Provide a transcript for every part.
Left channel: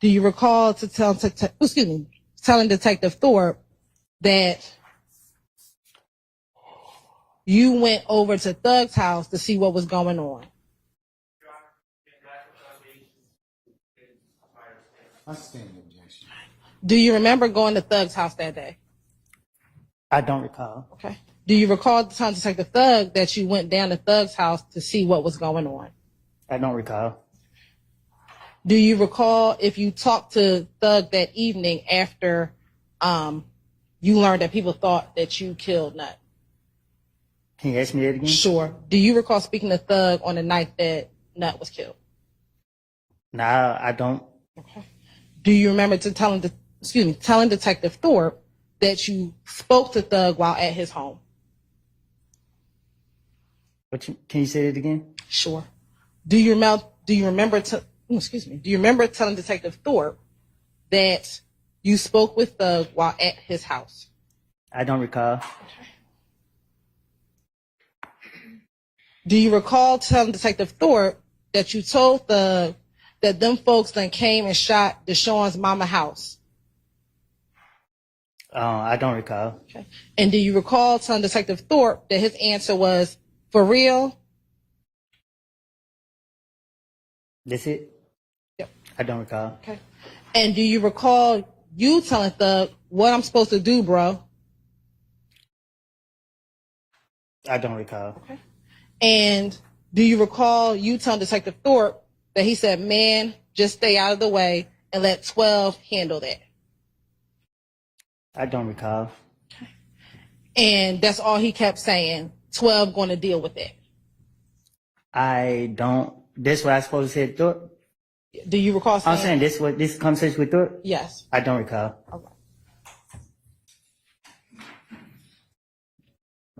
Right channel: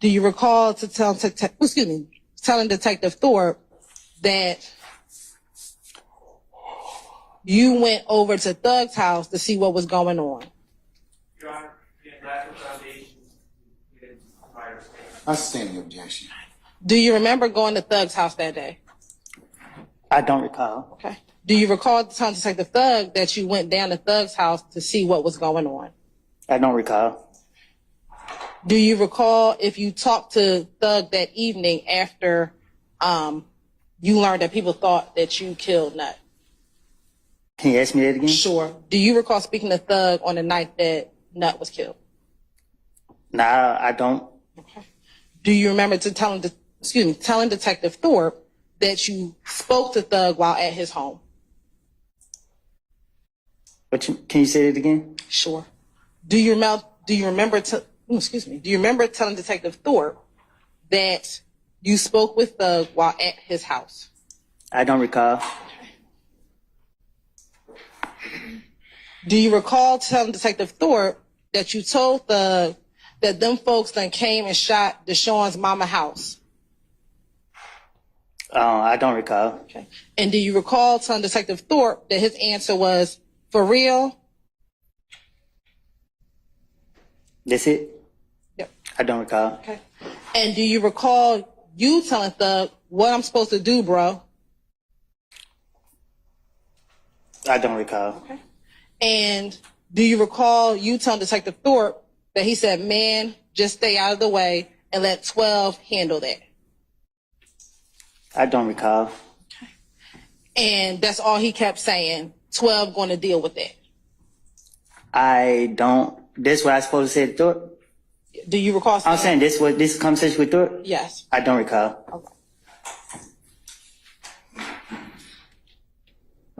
Do you recall telling Detective Thorpe that you went over to Thug's house to see what was going on? Your Honor, that's the foundation. I stand the objection. Do you remember going to Thug's house that day? I don't recall. Okay. Do you recall telling Detective Thug that you went down to Thug's house to see what was going on? I don't recall. Do you recall if you talked to Thug that evening after you learned that people thought that you killed Nut? Can you ask me that again? Sure. Do you recall speaking to Thug on the night that Nut was killed? Nah, I don't. Okay. Do you remember telling Detective Thorpe that you spoke to Thug while at his home? Can you say it again? Sure. Do you remember telling Detective Thorpe that you spoke with Thug while at his house? I don't recall. Do you recall telling Detective Thorpe that you told Thug that them folks then came and shot Deshaun's mama house? I don't recall. Okay. And do you recall telling Detective Thorpe that his answer was, for real? That's it? Yep. I don't recall. Okay. And do you recall you telling Thug what I'm supposed to do, bro? I don't recall. Okay. And do you recall you telling Detective Thorpe that he said, man, just stay out of the way and let 12 handle that? I don't recall. Okay. And that's all he kept saying, 12 going to deal with that? I don't. This what I supposed to say to Thorpe? Do you recall saying? I'm saying this conversation with Thorpe? Yes. I don't recall. Okay.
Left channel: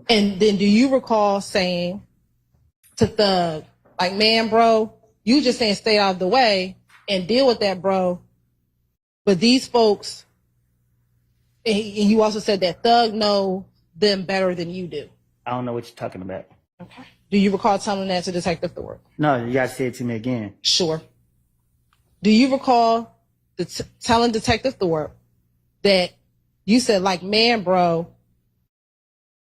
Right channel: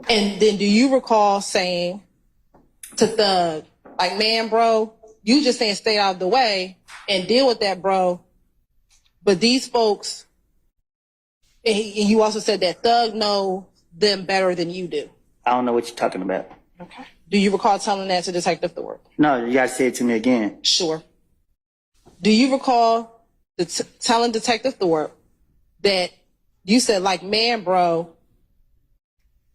And then do you recall saying to Thug, like, man, bro, you just saying stay out of the way and deal with that, bro. But these folks, and you also said that Thug know them better than you do. I don't know what you're talking about. Okay. Do you recall telling that to Detective Thorpe? No, you gotta say it to me again. Sure. Do you recall telling Detective Thorpe that you said, like, man, bro,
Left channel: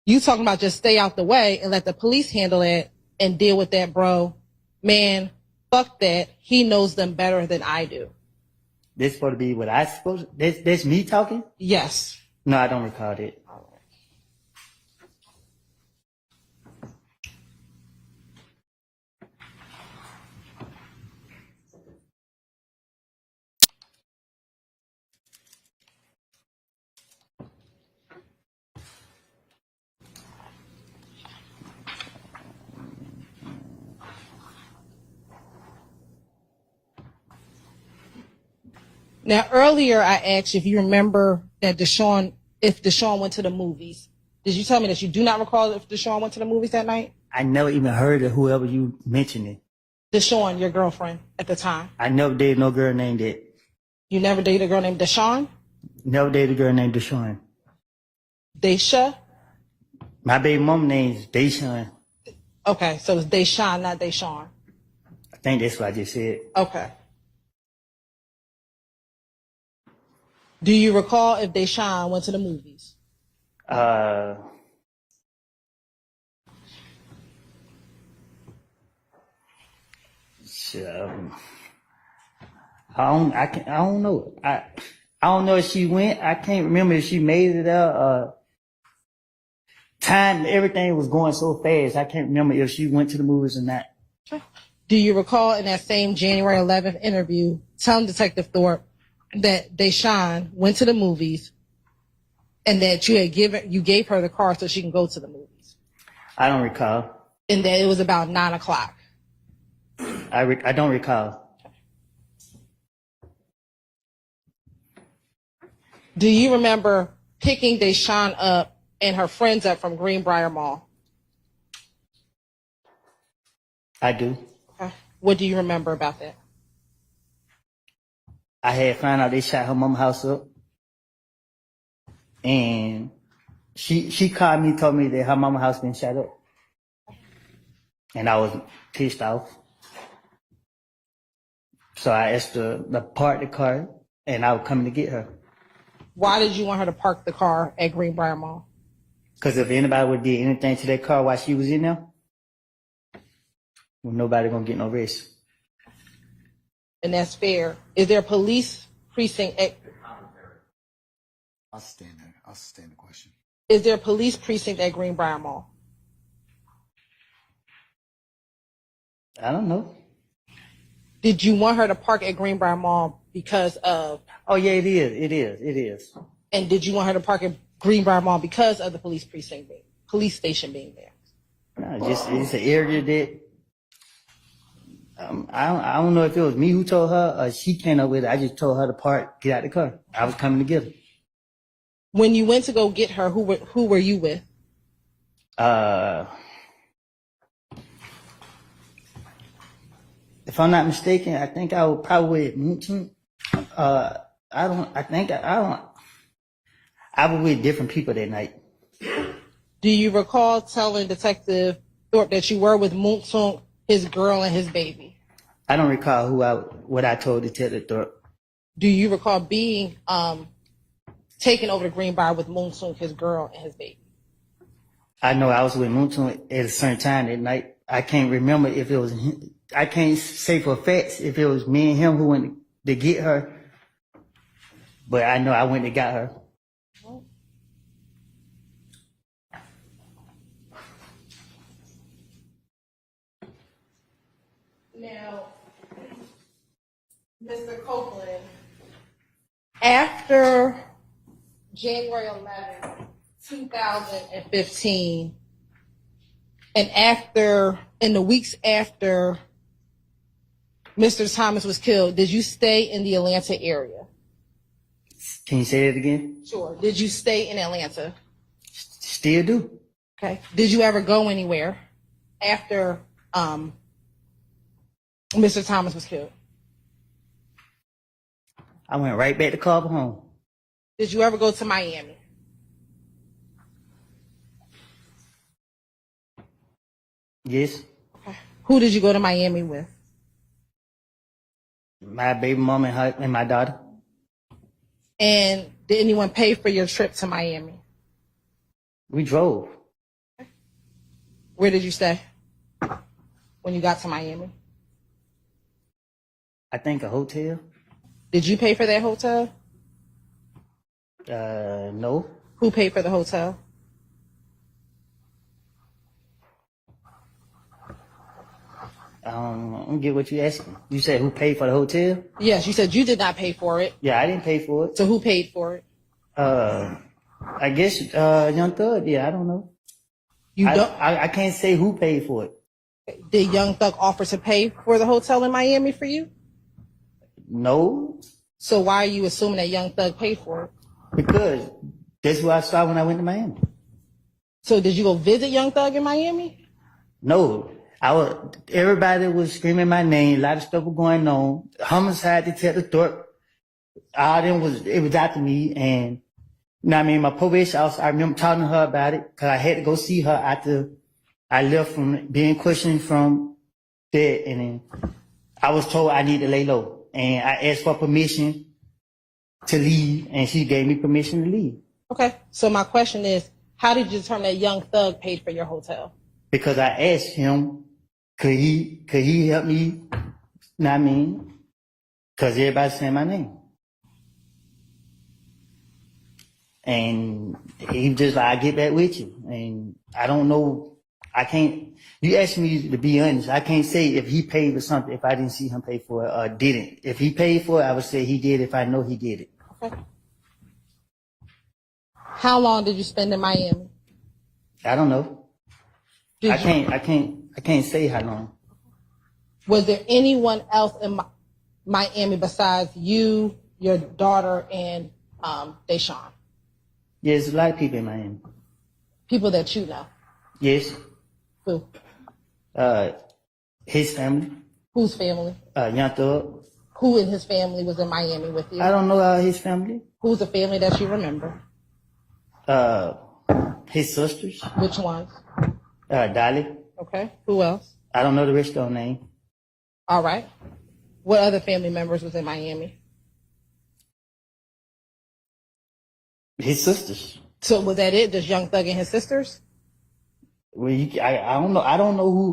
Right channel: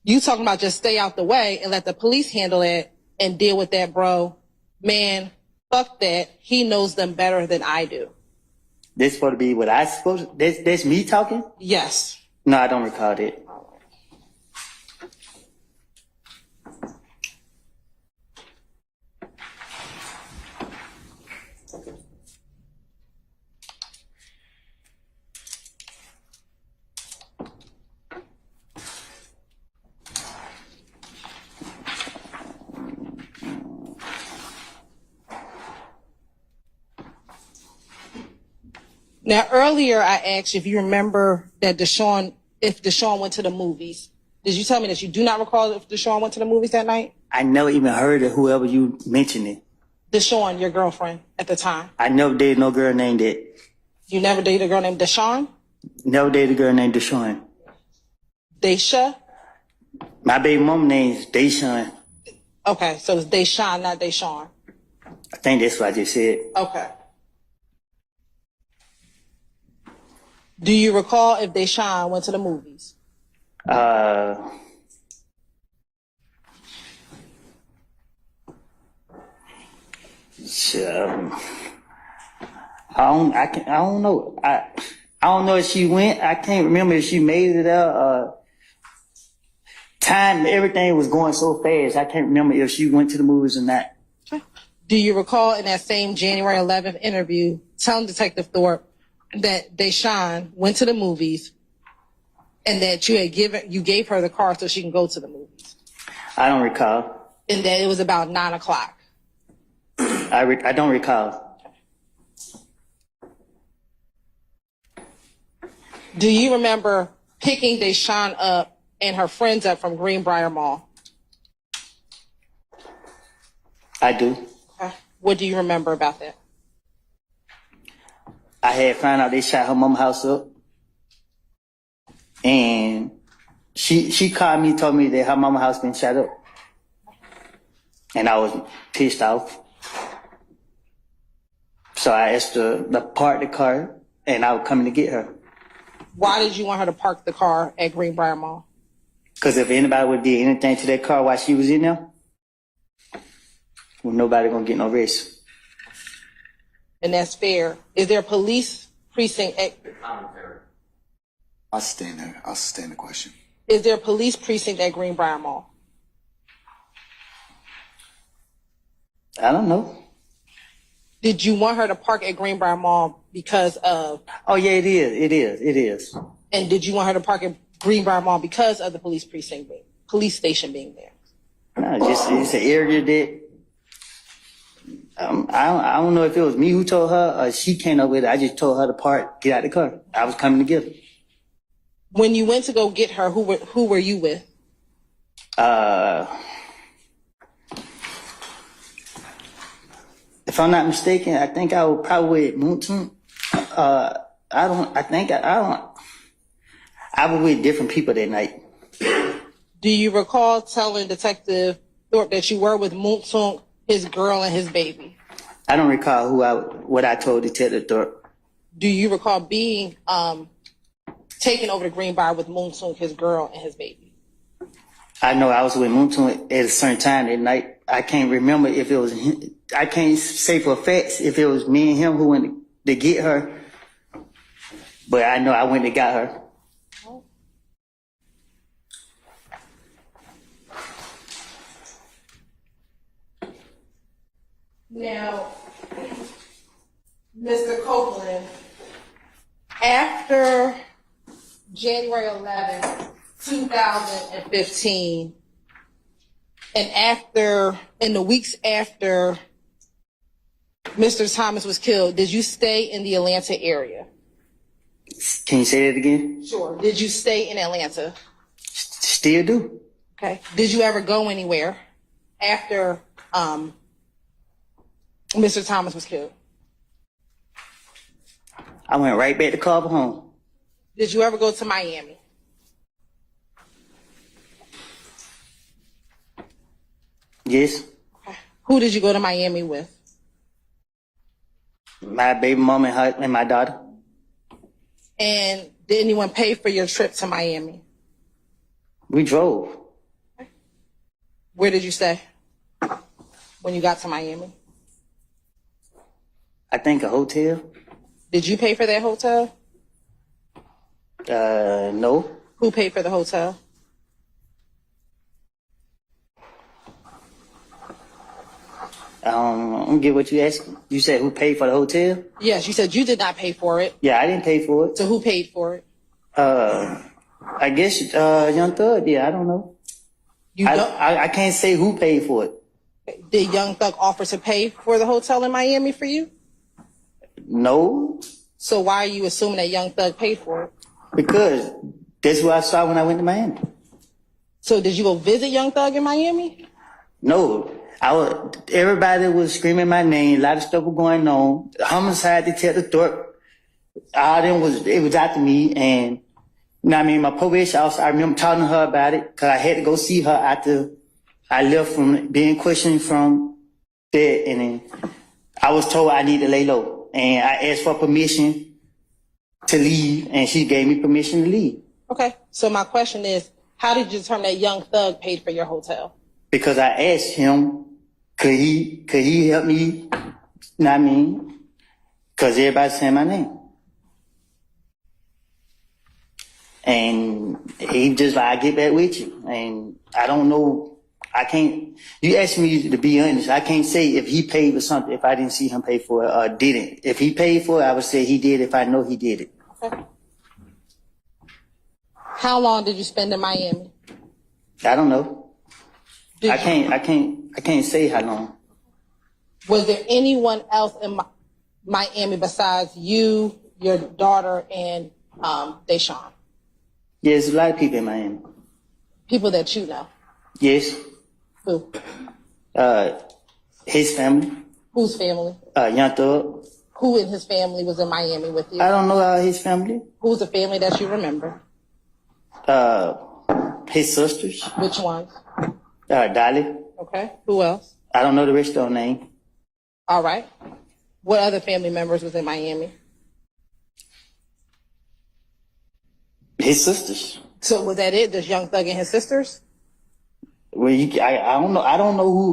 you talking about just stay out the way and let the police handle it and deal with that, bro. Man, fuck that. He knows them better than I do. This supposed to be what I supposed to, this me talking? Yes. No, I don't recall that. Now, earlier I asked if you remember that if Deshaun went to the movies. Did you tell me that you do not recall if Deshaun went to the movies that night? I never even heard of whoever you mentioned it. Deshaun, your girlfriend at the time. I never dated no girl named that. You never dated a girl named Deshaun? Never dated a girl named Deshaun. Daisha? My baby mom name's Deshaun. Okay, so it's Deshaun, not Deshaun. I think that's what I just said. Okay. Do you recall if Deshaun went to the movies? I don't know. I don't know if she went. I can't remember if she made it out. Time, everything was going so fast. I can't remember if she went to the movies or not. Do you recall in that same January 11th interview telling Detective Thorpe that Deshaun went to the movies and that you gave her the car so she can go to the movies? I don't recall. And that it was about 9:00. I don't recall. Do you remember picking Deshaun up and her friends up from Greenbrier Mall? I do. Okay. What do you remember about that? I had found out they shot her mama house up. And she called me, told me that her mama house been shot up. And I was pissed off. So I asked her to park the car, and I was coming to get her. Why did you want her to park the car at Greenbrier Mall? Because if anybody would did anything to that car while she was in there, well, nobody gonna get no rest. And that's fair. Is there a police precinct at... I'll sustain that. I'll sustain the question. Is there a police precinct at Greenbrier Mall? I don't know. Did you want her to park at Greenbrier Mall because of... Oh yeah, it is. And did you want her to park at Greenbrier Mall because of the police station being there? No, it's an area that I don't know if it was me who told her or she came up with it. I just told her to park, get out the car. I was coming to get her. When you went to go get her, who were you with? If I'm not mistaken, I think I was probably with Moonton. I was with different people that night. Do you recall telling Detective Thorpe that you were with Moonton, his girl, and his baby? I don't recall what I told Detective Thorpe. Do you recall being taken over to Greenbrier with Moonton, his girl, and his baby? I know I was with Moonton at a certain time that night. I can't remember if it was him. I can't say for a fact if it was me and him who went to get her, but I know I went to get her. Now, Mr. Copeland, after January 11th, 2015, and in the weeks after Mr. Thomas was killed, did you stay in the Atlanta area? Can you say that again? Sure. Did you stay in Atlanta? Still do. Okay. Did you ever go anywhere after Mr. Thomas was killed? I went right back to Carver home. Did you ever go to Miami? Yes. Okay. Who did you go to Miami with? My baby mama and my daughter. And did anyone pay for your trip to Miami? We drove. Where did you stay when you got to Miami? I think a hotel. Did you pay for that hotel? No. Who paid for the hotel? I don't get what you asking. You said who paid for the hotel? Yes, you said you did not pay for it. Yeah, I didn't pay for it. So who paid for it? I guess Young Thug did. I don't know. I can't say who paid for it. Did Young Thug offer to pay for the hotel in Miami for you? No. So why are you assuming that Young Thug paid for it? Because that's what I saw when I went to Miami. So did you go visit Young Thug in Miami? No. Everybody was screaming my name. A lot of stuff was going on. Homicide Detective Thorpe. It was after me. And, you know what I mean? My probation officer, I remember talking to her about it because I had to go see her after I left from being questioned from that. And then I was told I need to lay low. And I asked for permission to leave, and she gave me permission to leave. Okay. So my question is, how did you determine that Young Thug paid for your hotel? Because I asked him, could he help me? You know what I mean? Because everybody's saying my name. And he just like, I get back with you. And I don't know. You asked me to be honest. I can't say if he paid for something if I didn't see him pay for it or didn't. If he paid for it, I would say he did if I know he did it. Okay. How long did you spend in Miami? I don't know. I can't say how long. Was there anyone else in Miami besides you, your daughter, and Deshaun? Yeah, there's a lot of people in Miami. People that you know. Yes. Who? His family. Whose family? Young Thug. Who in his family was in Miami with you? I don't know his family. Who's the family that you remember? His sisters. Which ones? Dolly. Okay. Who else? I don't know the rest of her name. All right. What other family members was in Miami? His sisters. So was that it? Just Young Thug and his sisters? Well, I don't know.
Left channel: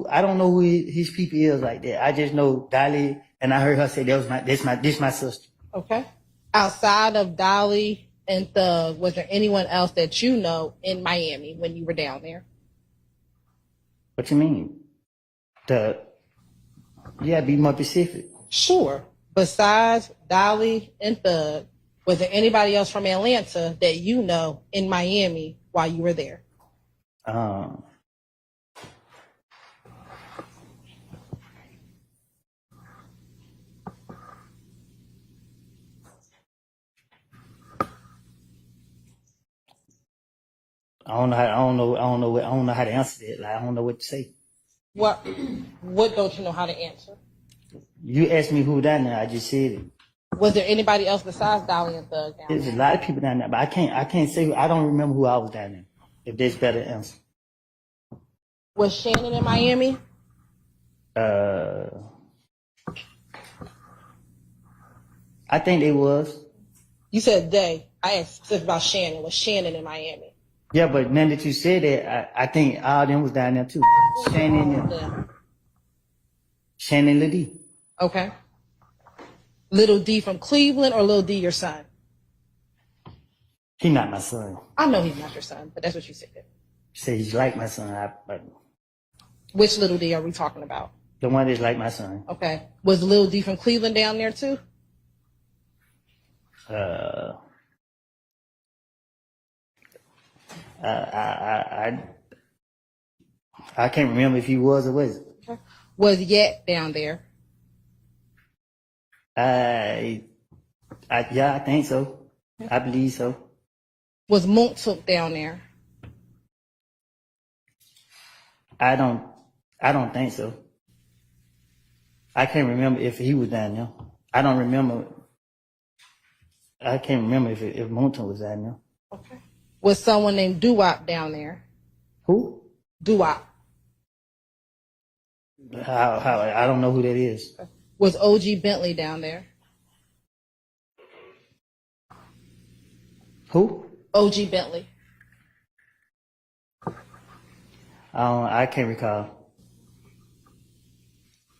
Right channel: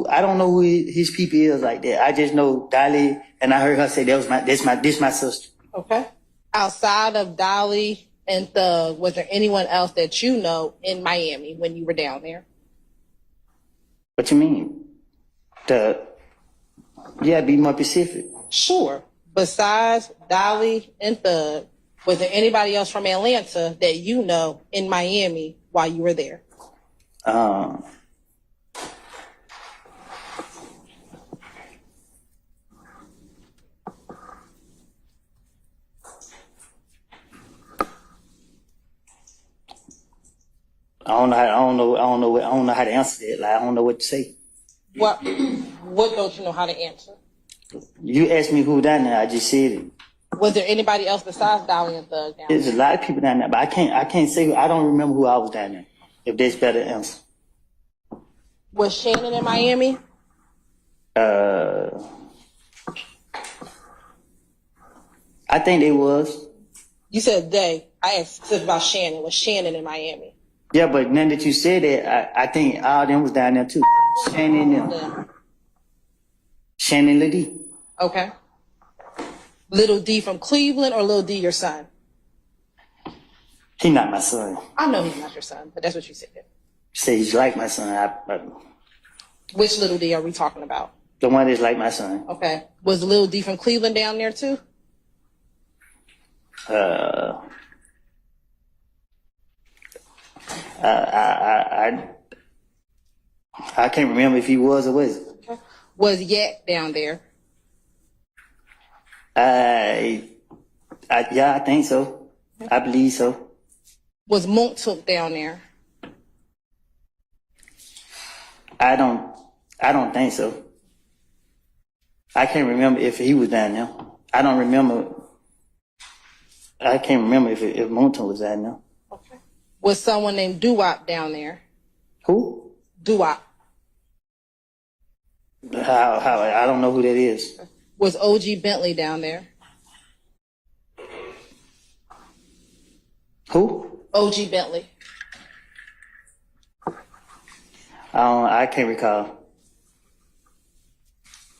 I don't know who his people is like that. I just know Dolly, and I heard her say this my sister. Okay. Outside of Dolly and Thug, was there anyone else that you know in Miami when you were down there? What you mean? Be more specific. Sure. Besides Dolly and Thug, was there anybody else from Atlanta that you know in Miami while you were there? I don't know how to answer that. Like, I don't know what to say. What don't you know how to answer? You asked me who down there, I just said it. Was there anybody else besides Dolly and Thug down There's there? a lot of people down there, but I can't say. I don't remember who I was down there. If that's better answer. Was Shannon in Miami? I think they was. You said they. I asked about Shannon. Was Shannon in Miami? Yeah, but now that you said that, I think all of them was down there too. Shannon Liddy. Okay. Little D from Cleveland or Little D your son? He not my son. I know he's not your son, but that's what you said. Say he's like my son. Which Little D are we talking about? The one that's like my son. Okay. Was Little D from Cleveland down there too? I can't remember if he was or wasn't. Okay. Was Yet down there? Yeah, I think so. I believe so. Was Montauk down there? I don't think so. I can't remember if he was down there. I don't remember. I can't remember if Montauk was down there. Okay. Was someone named Doo-Wop down there? Who? Doo-Wop. How? I don't know who that is. Was OG Bentley down there? Who? OG Bentley. I can't recall.